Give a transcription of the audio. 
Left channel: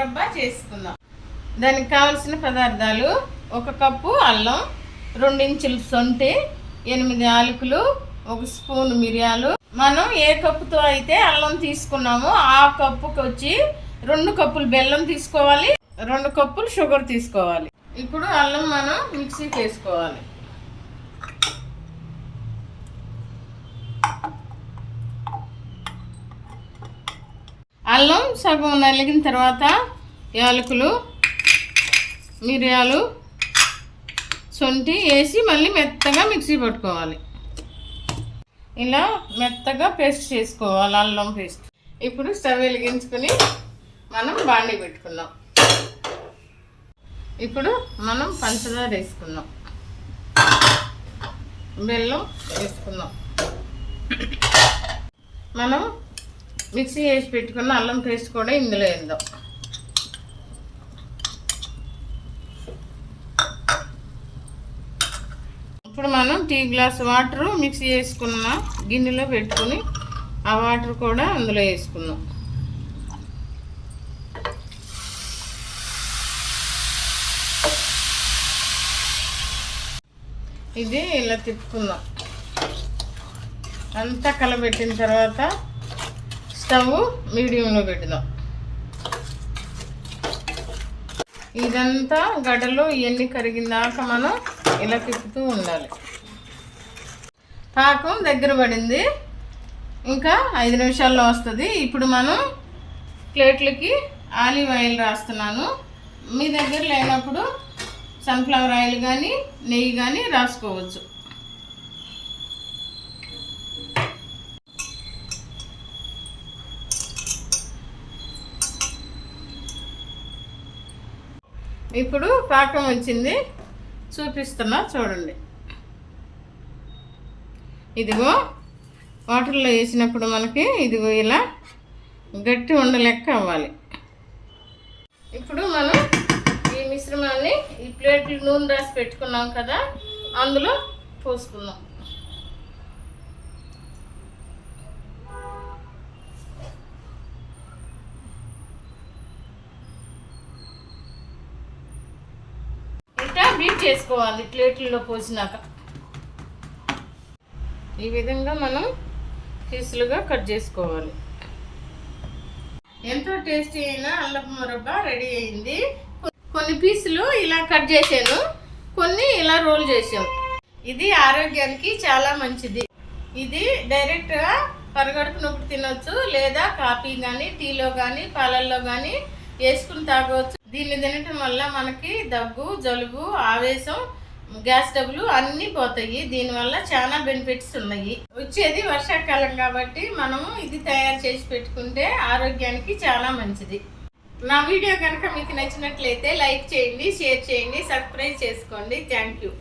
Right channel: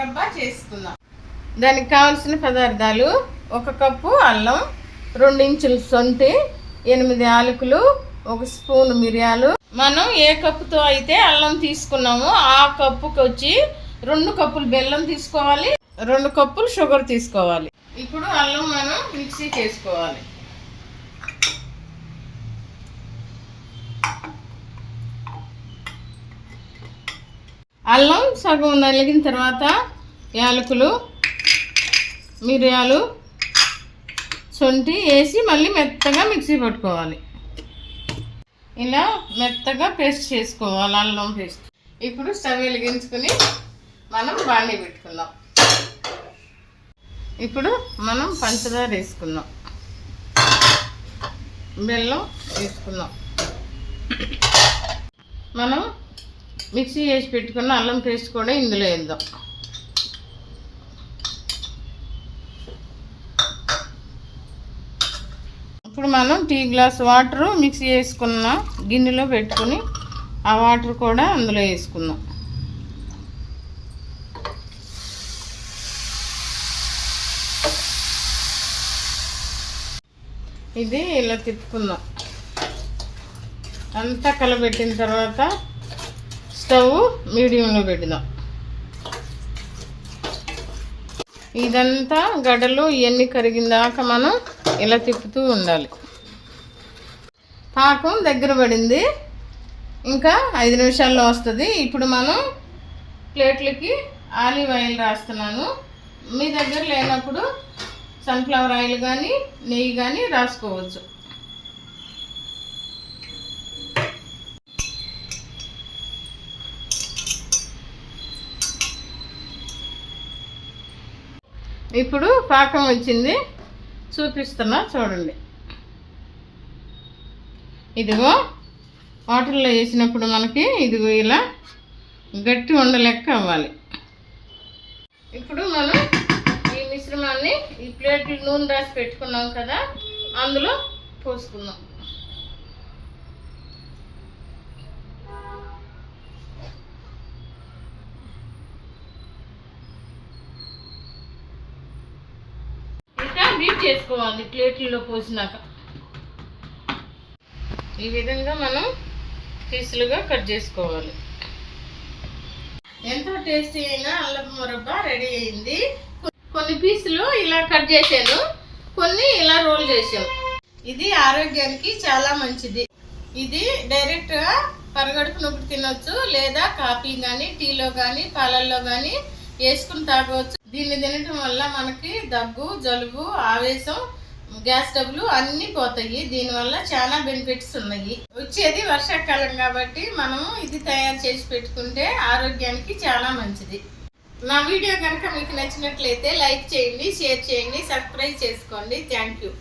మురబ్బా చేసుకుందాం. దానికి కావాల్సిన పదార్థాలు: 1 కప్పు అల్లం, 2 ఇంచుల సొంటి, 8 యాలకులు, 1 స్పూన్ మిరియాలు. మనం ఏ కప్పుతో అయితే అల్లం తీసుకున్నామో ఆ కప్పుకి వచ్చి 2 కప్పులు బెల్లం తీసుకోవాలి, 2 కప్పులు షుగర్ తీసుకోవాలి. ఇప్పుడు అల్లం మనం మిక్సీకి వేసుకోవాలి. అల్లం సగం నలిగిన తర్వాత యాలకులు, మిరియాలు, సొంటి వేసి మళ్ళీ మెత్తగా మిక్సీ పట్టుకోవాలి. ఇలా మెత్తగా పేస్ట్ చేసుకోవాలి అల్లం పేస్ట్. ఇప్పుడు స్టవ్ వెలిగించుకుని మనం బాండీ పెట్టుకుందాం. ఇప్పుడు మనం పంచదార వేసుకుందాం, బెల్లం వేసుకుందాం. మనం మిక్సీ వేసి పెట్టుకున్న అల్లం పేస్ట్ కూడా ఇందులో వేద్దాం. ఇప్పుడు మనం టీ గ్లాస్ వాటర్ మిక్సీ వేసుకున్న గిన్నెలో పెట్టుకుని ఆ వాటర్ కూడా అందులో వేసుకుందాం. ఇది ఇలా తిప్పుకుందాం. అంతా కలబెట్టిన తర్వాత స్టవ్ మీడియంలో పెడదాం. ఇదంతా గడ్డలు ఇవన్నీ కరిగిందాక మనం ఇలా తిప్పుతూ ఉండాలి. పాకం దగ్గర పడింది, ఇంకా 5 నిమిషాల్లో వస్తుంది. ఇప్పుడు మనం ప్లేట్లకి ఆలివ్ ఆయిల్ రాస్తున్నాను. మీ దగ్గర లేనప్పుడు సన్ఫ్లవర్ ఆయిల్ కానీ నెయ్యి కానీ రాసుకోవచ్చు. ఇప్పుడు పాకం వచ్చింది, చూపిస్తున్నా చూడండి. ఇదిగో వాటర్లో వేసినప్పుడు మనకి ఇదిగో ఇలా గట్టి ఉండలెక్క అవ్వాలి. ఇప్పుడు మనం ఈ మిశ్రమాన్ని ఈ ప్లేట్లు నూనె రాసి పెట్టుకున్నాం కదా, అందులో పోసుకుందాం. ఇంకా బీట్ చేసుకోవాలి ప్లేట్లలో పోసినాక. ఈ విధంగా మనం పీసులుగా కట్ చేసుకోవాలి. ఎంతో టేస్టీ అయిన అల్లపు మురబ్బా రెడీ అయింది. కొన్ని పీసులు ఇలా కట్ చేశాను, కొన్ని ఇలా రోల్ చేసాం. ఇది ఆరోగ్యానికి చాలా మంచిది. ఇది డైరెక్ట్గా పరగడుపు నొప్పి తినొచ్చు, లేదా కాఫీ కానీ టీలో కానీ పాలల్లో కానీ వేసుకుని తాగవచ్చు. దీన్ని తినటం వల్ల మనకి దగ్గు, జలుబు, ఆవేశం, గ్యాస్ ట్రబుల్ అన్నీ పోతాయి. దీనివల్ల చాలా బెనిఫిట్స్ ఉన్నాయి. వచ్చేది వర్షాకాలం కాబట్టి మనము ఇది తయారు చేసి పెట్టుకుంటే ఆరోగ్యానికి చాలా మంచిది. నా వీడియో కనుక మీకు నచ్చినట్లయితే లైక్ చేయండి, షేర్ చేయండి, సబ్స్క్రైబ్ చేసుకోండి. Thank you.